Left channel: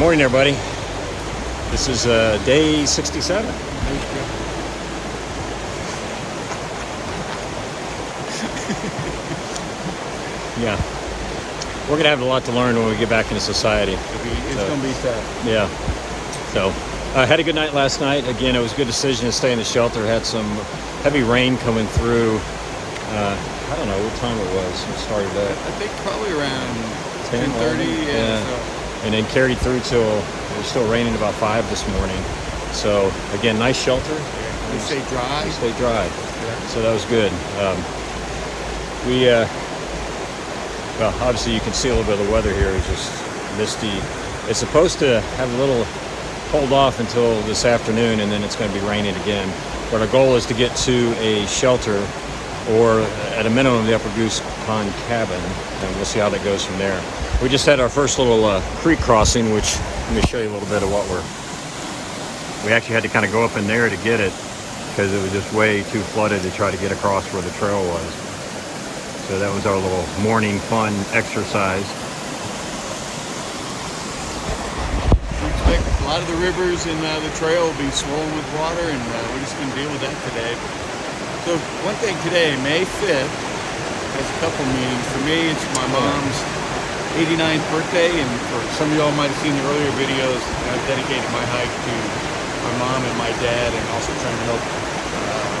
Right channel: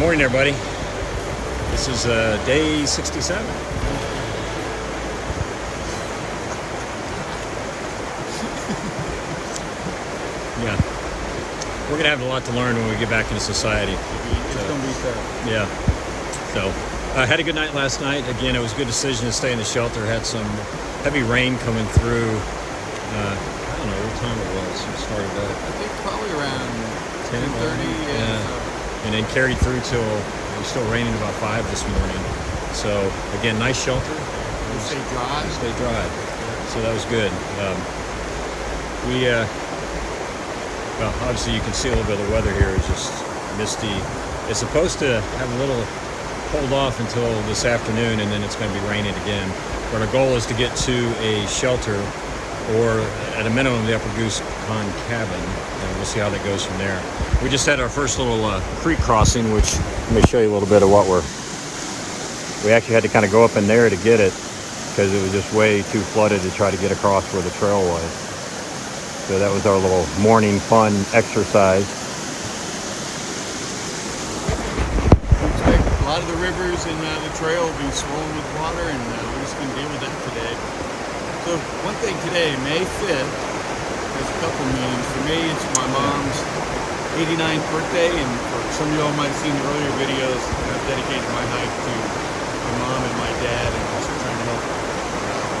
Morning, everybody. This is day 67. Yeah, we're gonna have a lot to learn when we get back into society. It's gonna be tough. Yeah. So I had a good night last night. Again, it was a good decision to stay in the shelter. Had some heavy rain coming through. I don't know what time it was. We started at I think probably around 10:30. Yeah. So. And then carried through till it was still raining about 5 this morning. So again, nice shelter. You stay dry. Stay dry. Yeah. So that was good. Well, obviously you can see a little bit of the weather here. It's just misty. It's supposed to have a little hold off until this afternoon, and then it's going to be raining again. But our goal is to get to a shelter, or at a minimum the Upper Goose Pond cabin, and we'll see how that goes from there. We just had our first little creek crossing, which let me show you a little bit of what we actually had to kind of go up in there to get it because it was just way too flooded to try to get across where the trail was. So that was our little morning fun exercise. We expect a lot of the rivers and the trail will be swollen with water, and we're just going to deal with that today. So one thing today, May 5th, has a couple meanings. For me, it's my mom's 89th birthday, and for some of y'all might have seen the earlier videos, I've dedicated my hike to my mom and my dad, and also trying to help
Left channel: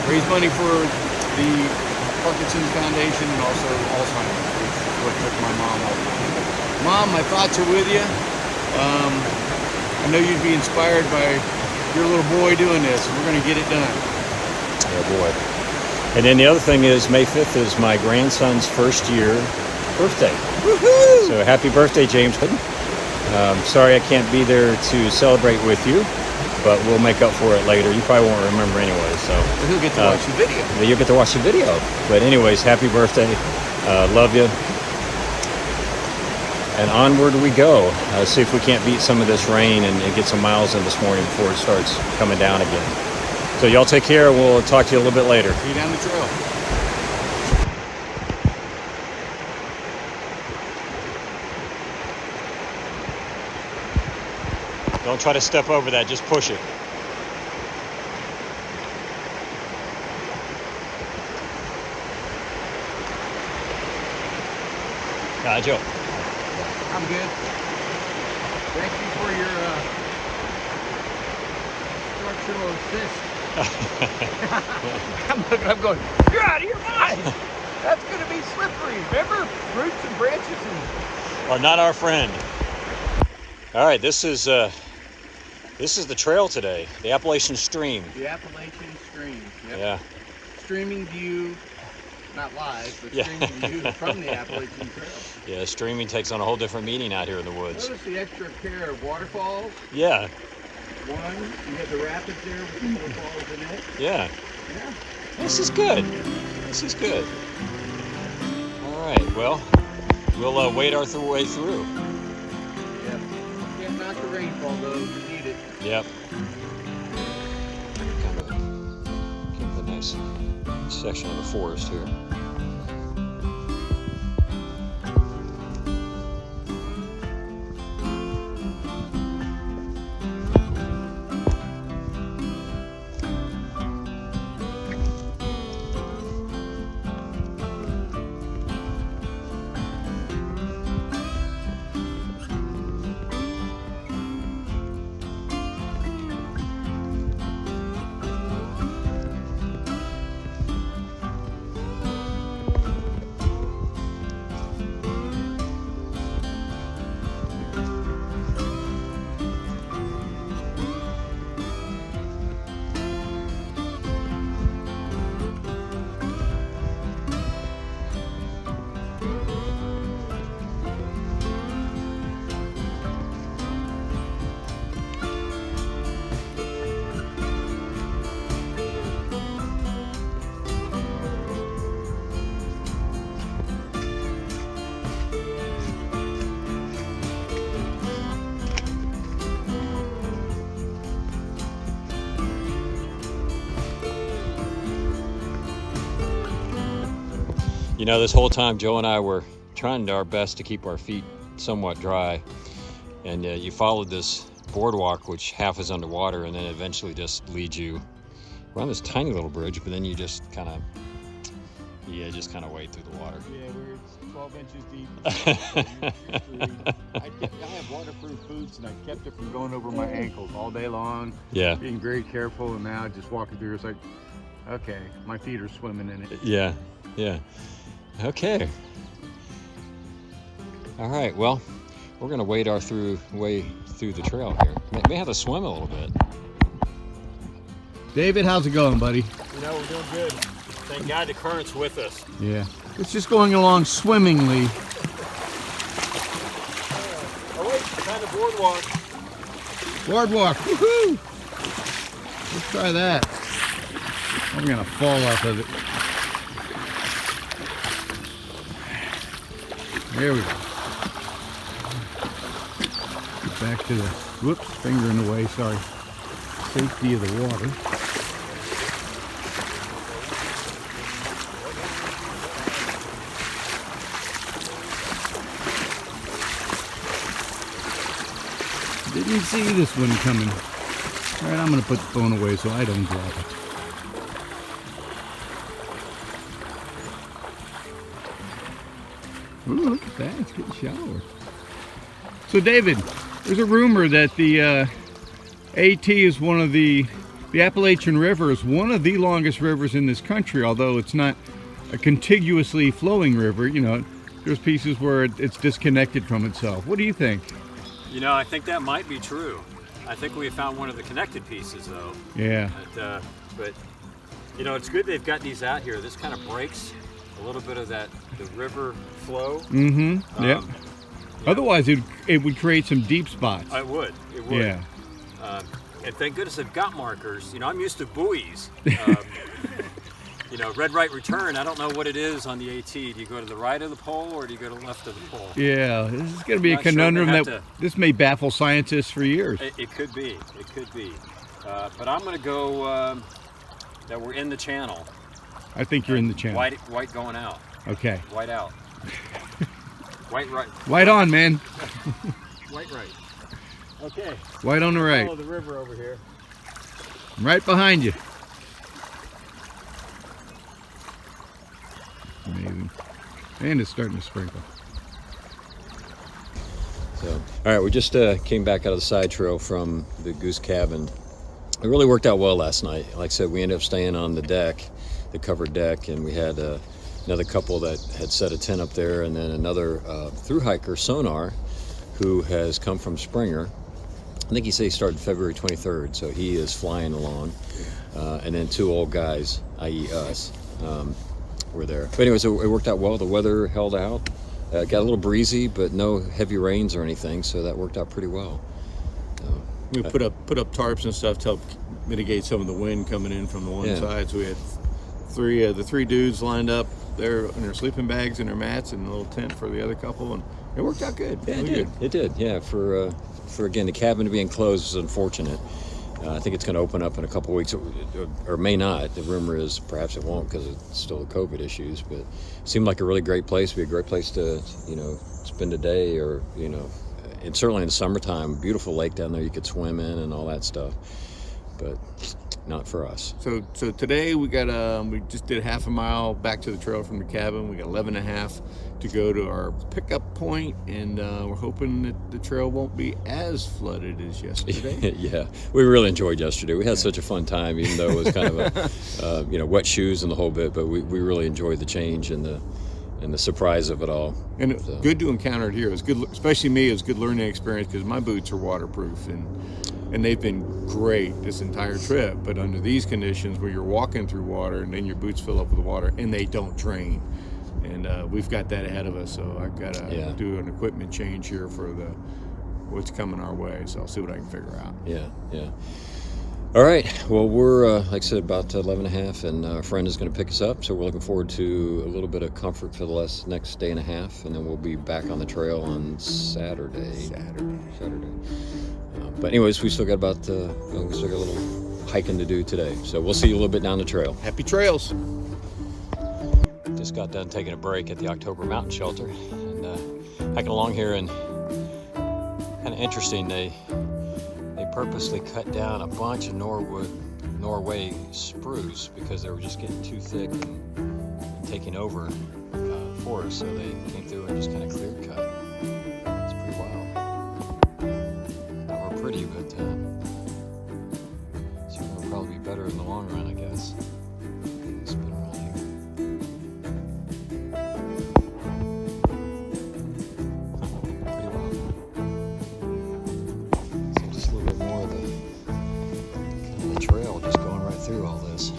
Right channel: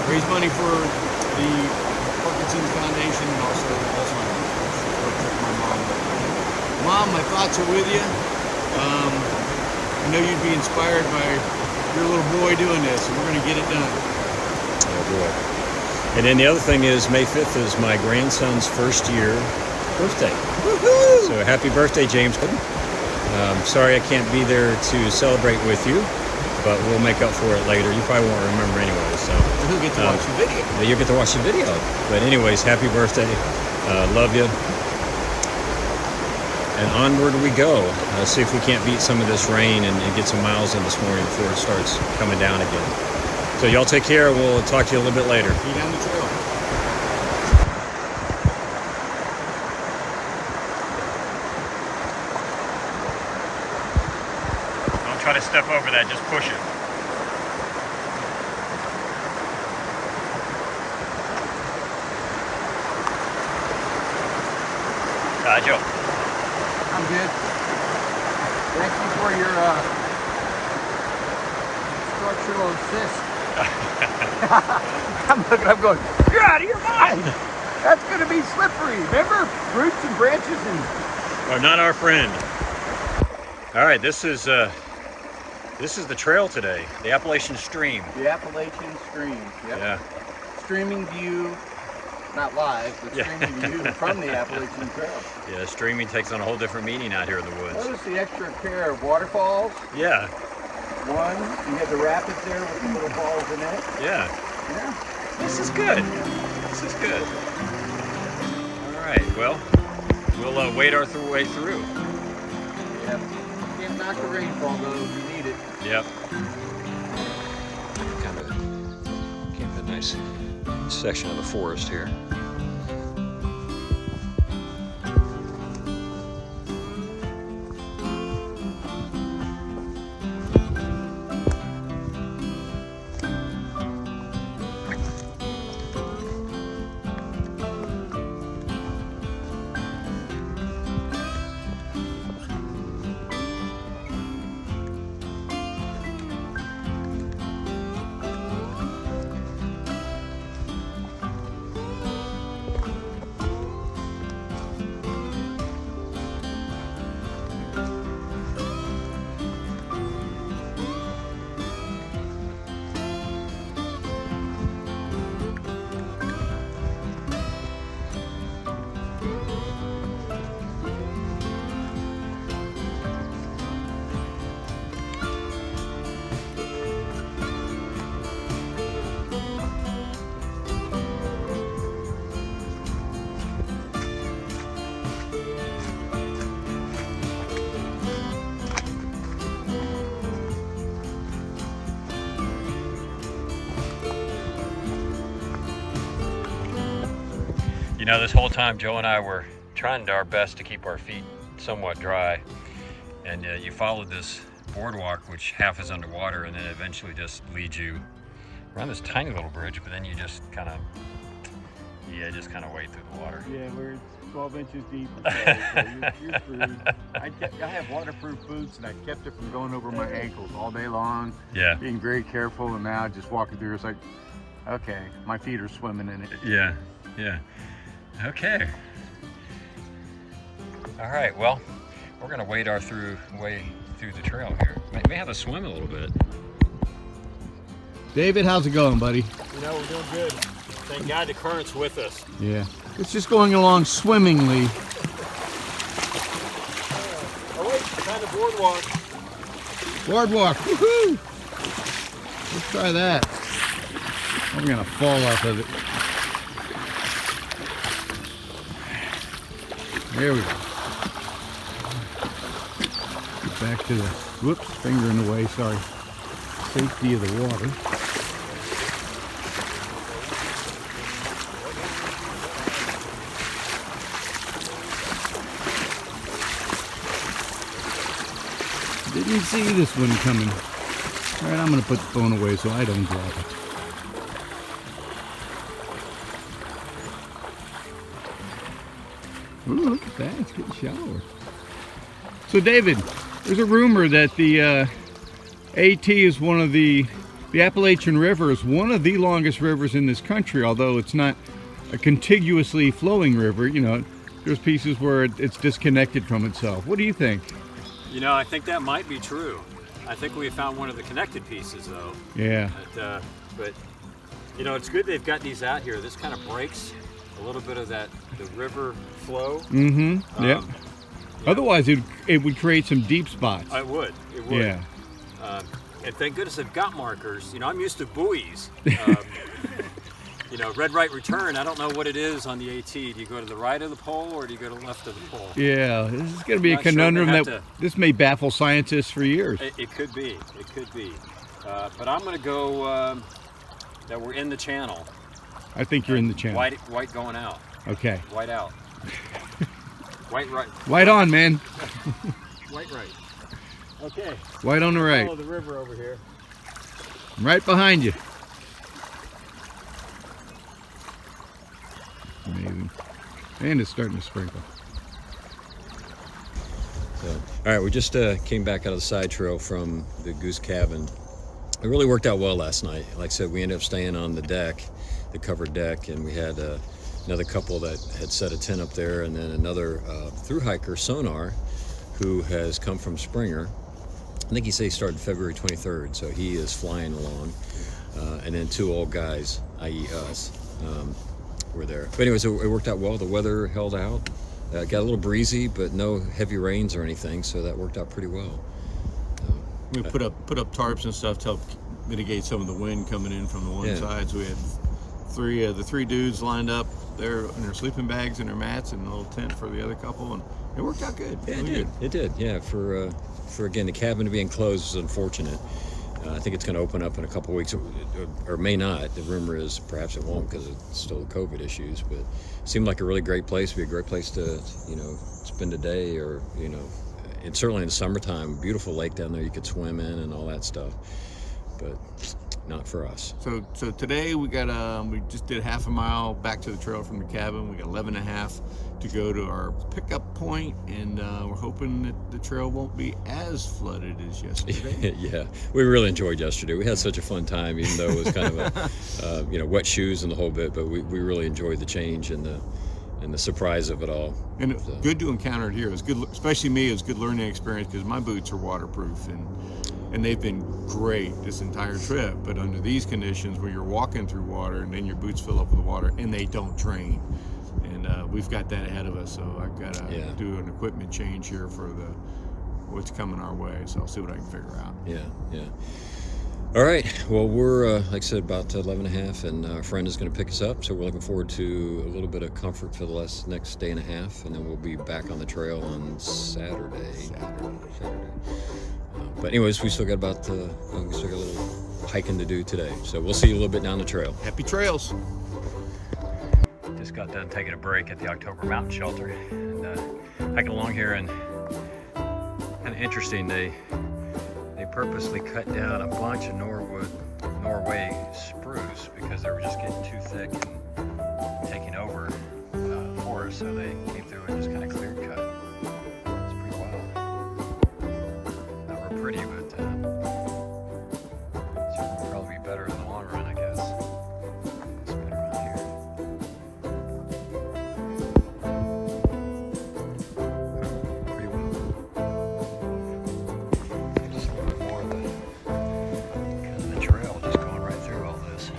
raise money for the Parkinson's Foundation and also Alzheimer's, which is what took my mom off. Mom, my thoughts are with you. I know you'd be inspired by your little boy doing this, and we're going to get it done. Yeah, boy. And then the other thing is May 5th is my grandson's first year birthday. Woohoo! So happy birthday, James. Sorry I can't be there to celebrate with you, but we'll make up for it later. You probably won't remember anyway, so. Who get to watch the video? You'll get to watch the video. But anyways, happy birthday. Love you. And onward we go. See if we can't beat some of this rain and get some miles in this morning before it starts coming down again. So y'all take care. We'll talk to you a little bit later. See you down the trail. Don't try to step over that, just push it. Hi, Joe. I'm good. Thank you for your instructional assist. I'm going, you're out of your mind. That's going to be slippery. Remember? Roots and branches and... Are not our friend. All right, this is the trail today, the Appalachian Stream. The Appalachian Stream. Yep. Yeah. Streaming view, not live, but streaming view from the Appalachian Trail. Yeah, streaming takes on a whole different meaning out here in the woods. Notice the extra pair of waterfalls. Yeah. One, you have the rapids there with the little falls in it. Yeah. Yeah. This is good. This is good. All right, well, we'll wade our way through. Yep. Can't knock the rainfall though, you need it. Yep. Kind of a nice section of the forest here. You know, this whole time Joe and I were trying our best to keep our feet somewhat dry, and you followed this boardwalk, which half is underwater, and then eventually just leads you around this tiny little bridge, but then you just kind of wade through the water. Yeah, where it's 12 inches deep. You're free. I have waterproof boots, and I kept it from going over my ankles all day long. Yeah. Being very careful, and now just walking through, it's like, okay, my feet are swimming in it. Yeah, yeah. Okay. All right, well, we're gonna wade our way through the trail here. May have to swim a little bit. David, how's it going, buddy? You know, we're doing good. Thank God the current's with us. Yeah. It's just going along swimmingly. Oh wait, found the boardwalk. Boardwalk, woohoo! Let's try that. I'm gonna fall off of it. There we go. Get back to the, whoops, finger in the way, sorry. Safety of the water. Didn't see this one coming. All right, I'm gonna put the phone away so I don't drop it. Ooh, look at that, it's getting shallower. So David, there's a rumor that the AT is one of the Appalachian River is one of the longest rivers in this country, although it's not a contiguously flowing river. You know, there's pieces where it's disconnected from itself. What do you think? You know, I think that might be true. I think we found one of the connected pieces, though. Yeah. But you know, it's good they've got these out here. This kind of breaks a little bit of the river flow. Mm-hmm. Yeah. Otherwise, it would create some deep spots. It would. Yeah. And thank goodness they've got markers. You know, I'm used to buoys. You know, red, right, return. I don't know what it is on the AT. Do you go to the right of the pole or do you go to the left of the pole? Yeah, this is going to be a conundrum this may baffle scientists for years. It could be. It could be. But I'm going to go that we're in the channel. I think you're in the channel. White going out. Okay. White out. White right. White on, man. White right. Okay. White on the right. Follow the river over here. I'm right behind you. Amazing. And it's starting to sprinkle. So, all right, we just came back out of the side trail from the Goose cabin. It really worked out well last night. Like I said, we ended up staying on the deck, the covered deck, and we had another couple that had set a tent up there, and then another thru hiker, Sonar, who has come from Springer. I think he said he started February 23rd, so he is flying along. And then two old guys, i.e. us, were there. But anyways, it worked out well. The weather held out. Got a little breezy, but no heavy rains or anything, so that worked out pretty well. We put up tarps and stuff to help mitigate some of the wind coming in from the one side. So we had the three dudes lined up there in their sleeping bags and their mats and a little tent for the other couple, and it worked out good. Yeah, it did. Yeah, for again, the cabin to be enclosed is unfortunate. I think it's going to open up in a couple weeks, or may not. The rumor is perhaps it won't because it's still the COVID issues. But it seemed like a really great place. Be a great place to, you know, spend a day, or and certainly in the summertime, beautiful lake down there you could swim in and all that stuff. But not for us. So today we got we just did half a mile back to the trail from the cabin. We got 11.5 to go to our pickup point, and we're hoping that the trail won't be as flooded as yesterday. Yeah, we really enjoyed yesterday. We had such a fun time, even though it was kind of a wet shoes and the whole bit. But we really enjoyed the change and the surprise of it all. And good to encounter it here. It was good, especially me. It was a good learning experience because my boots are waterproof, and they've been great this entire trip. But under these conditions where you're walking through water and then your boots fill up with water and they don't drain. And we've got that ahead of us, so I've got to do an equipment change here for what's coming our way. So I'll see what I can figure out. Yeah. All right. Well, we're like I said, about 11.5, and our friend is going to pick us up. So we're looking forward to a little bit of comfort for the next day and a half, and then we'll be back on the trail on Saturday. But anyways, we still got a little hiking to do today. So we'll see you a little bit down the trail. Happy trails. Just got done taking a break at the October Mountain Shelter and hiking along here, and had Kind of interesting. They purposely cut down a bunch of Norway spruce because they were just getting too thick and taking over forest. So they came through and just kind of clear cut. It's pretty wild. Not real pretty, but certainly probably better in the long run, I guess. It's better around here. Pretty wild. Just a little bit more of the trail just going right through all this.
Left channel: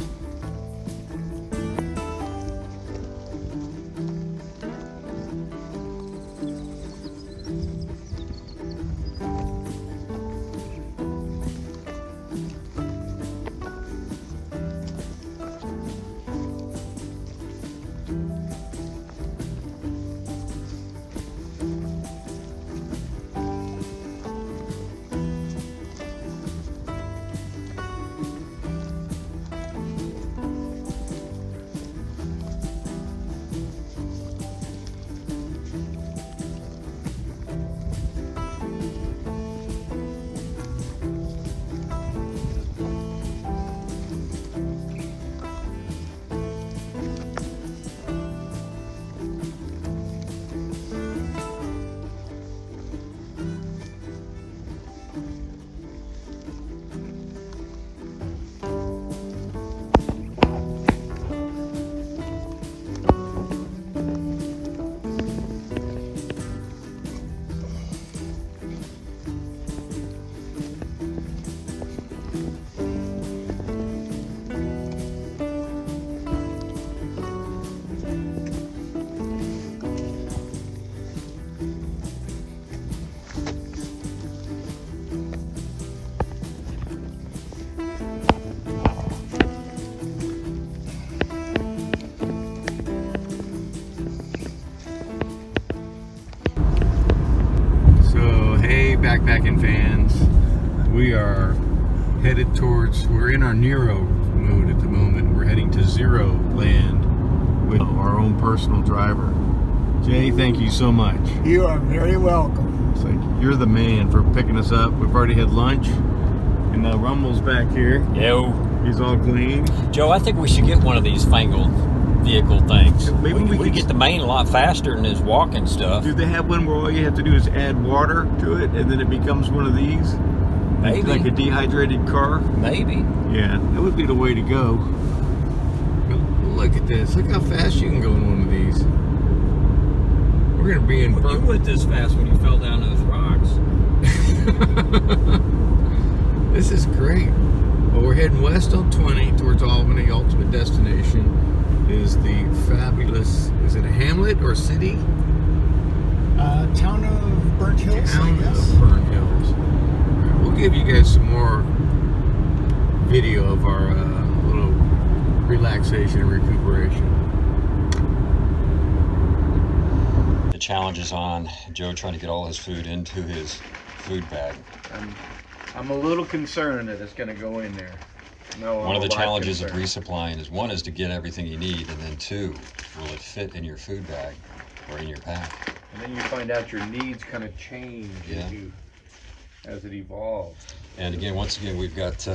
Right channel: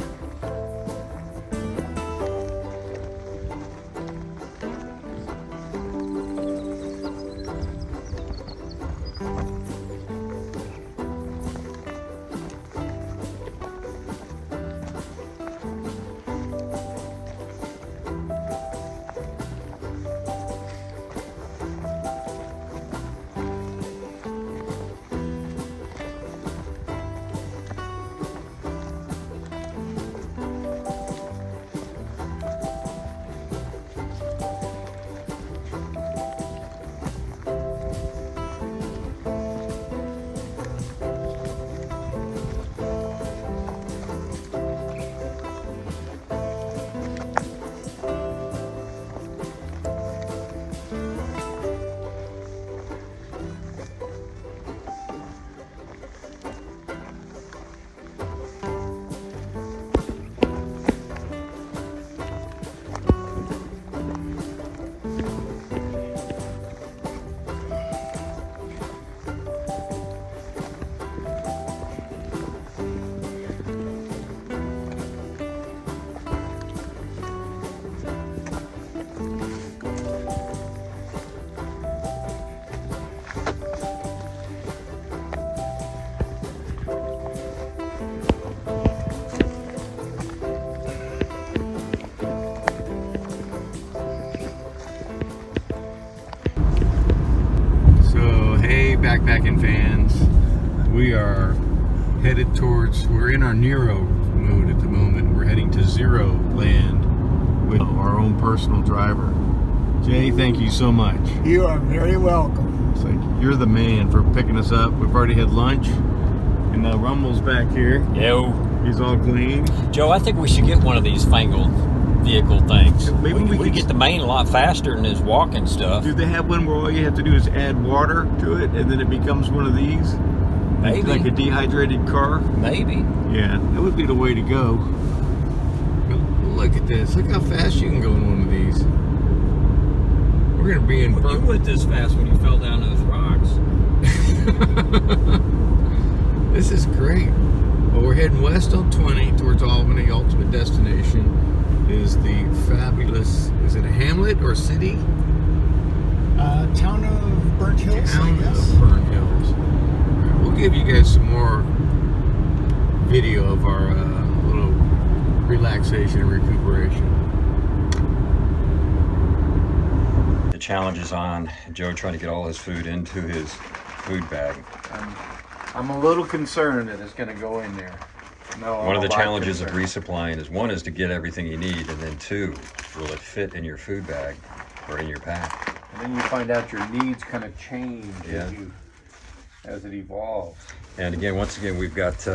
Backpacking fans, we are headed towards, we're in our Nero mode at the moment. We're heading to Zero Land with our own personal driver. Jay, thank you so much. You are very welcome. It's like, you're the man for picking us up. We've already had lunch, and Rumble's back here. Yo. He's all clean. Joe, I think we should get one of these fangled vehicle things. Maybe we could get the main a lot faster than this walking stuff. Do they have one where all you have to do is add water to it and then it becomes one of these? Maybe. Like a dehydrated car? Maybe. Yeah, that would be the way to go. Look at this. Look how fast you can go in one of these. We're going to be in... You went this fast when you fell down those rocks. This is great. Well, we're heading west on 20 towards Albany. Ultimate destination is the fabulous, is it a hamlet or city? Town of Burnt Hills, Town I guess. of Burnt Hills. All right, we'll give you guys some more video of our little relaxation and recuperation. The challenge is on Joe trying to get all his food into his food bag. I'm a little concerned that it's going to go in there. No, One of the challenges of concerned. resupplying is, one is to get everything you need, and then two, will it fit in your food bag or in your pack? And then you find out your needs kind of change Yeah. as it evolves. And again, once again, we've got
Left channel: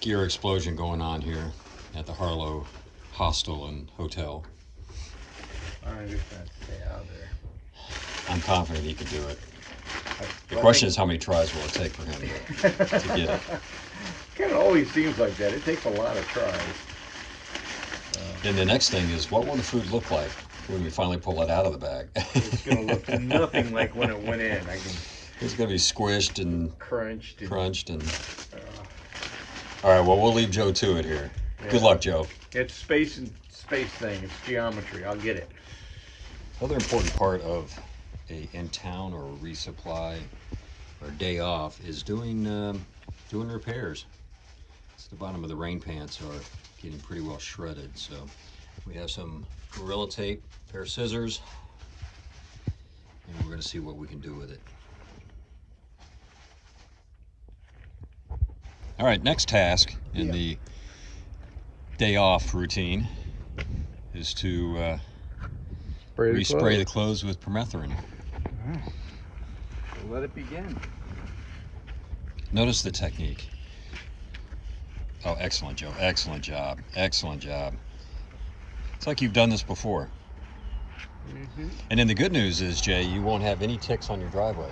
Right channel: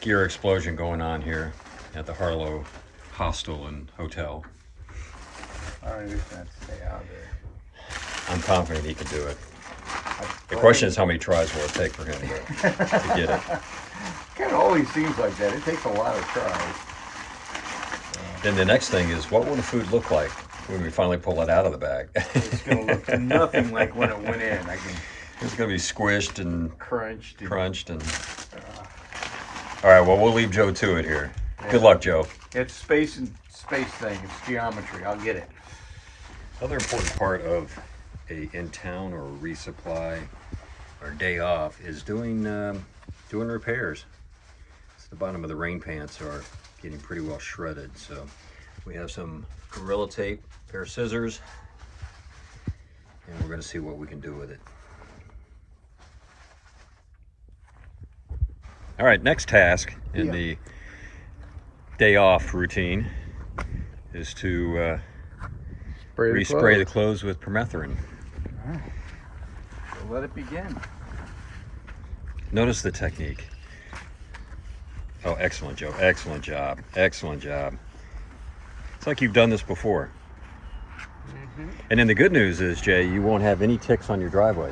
gear explosion going on here at the Harlow Hostel and Hotel. I'm just going to stay out there. I'm confident he can do it. The question is how many tries will it take for him to get it. Kind of always seems like that. It takes a lot of tries. Then the next thing is, what will the food look like when we finally pull it out of the bag? It's going to look nothing like when it went in. It's going to be squished and Crunched. crunched. All right, well, we'll leave Joe to it here. Yeah. Good luck, Joe. It's space thing. It's geometry. I'll get it. Another important part of a in-town or resupply or day off is doing repairs. So the bottom of the rain pants are getting pretty well shredded, so we have some Gorilla Tape, a pair of scissors, and we're going to see what we can do with it. All right, next task in the day off routine is to respray the clothes with permethrin. Let it begin. Notice the technique. Oh, excellent, Joe. Excellent job. Excellent job. It's like you've done this before. Mm-hmm. And then the good news is, Jay, you won't have any ticks on your driveway.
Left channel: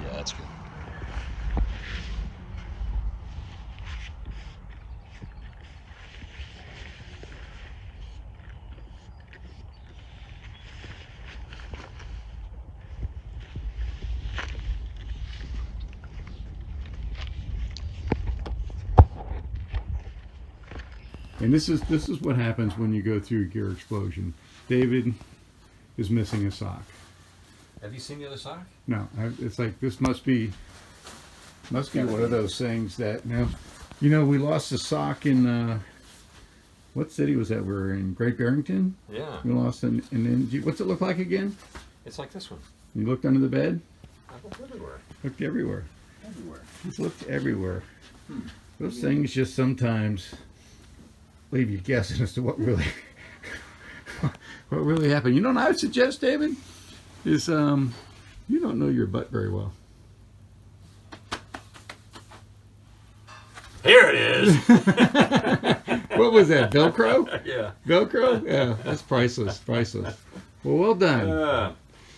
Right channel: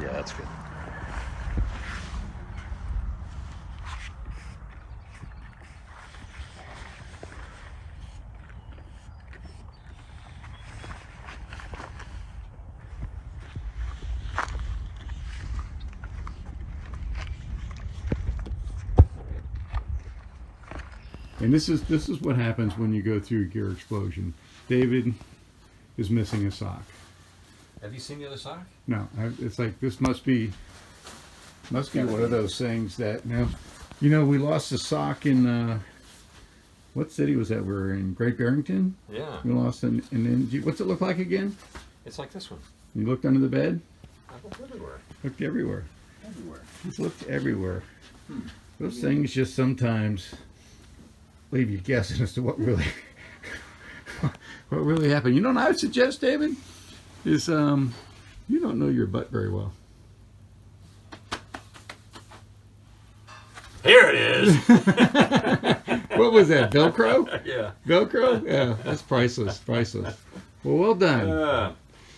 Yeah, that's good. And this is what happens when you go through a gear explosion. David is missing a sock. Have you seen the other sock? No, it's like this must be one of those things that now, we lost a sock in what city was that? We were in Great Barrington. Yeah. We lost an, and then what's it look like again? It's like this one. You looked under the bed. I looked everywhere. Looked everywhere. Everywhere. Just looked everywhere. Those things just sometimes leave you guessing as to what really happened. You know what I would suggest, David? Is you don't know your butt very well. Here it is. What was that? Velcro? Yeah. Velcro? Yeah, that's priceless. Priceless. Well done.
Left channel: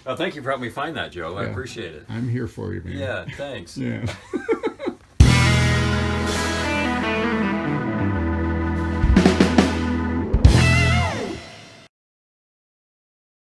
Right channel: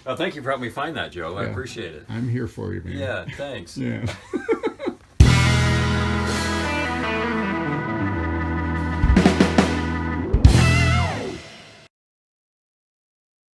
Well, thank you for helping me find that, Joe. I Yeah. appreciate it. I'm here for you, man. Yeah, thanks. Yeah.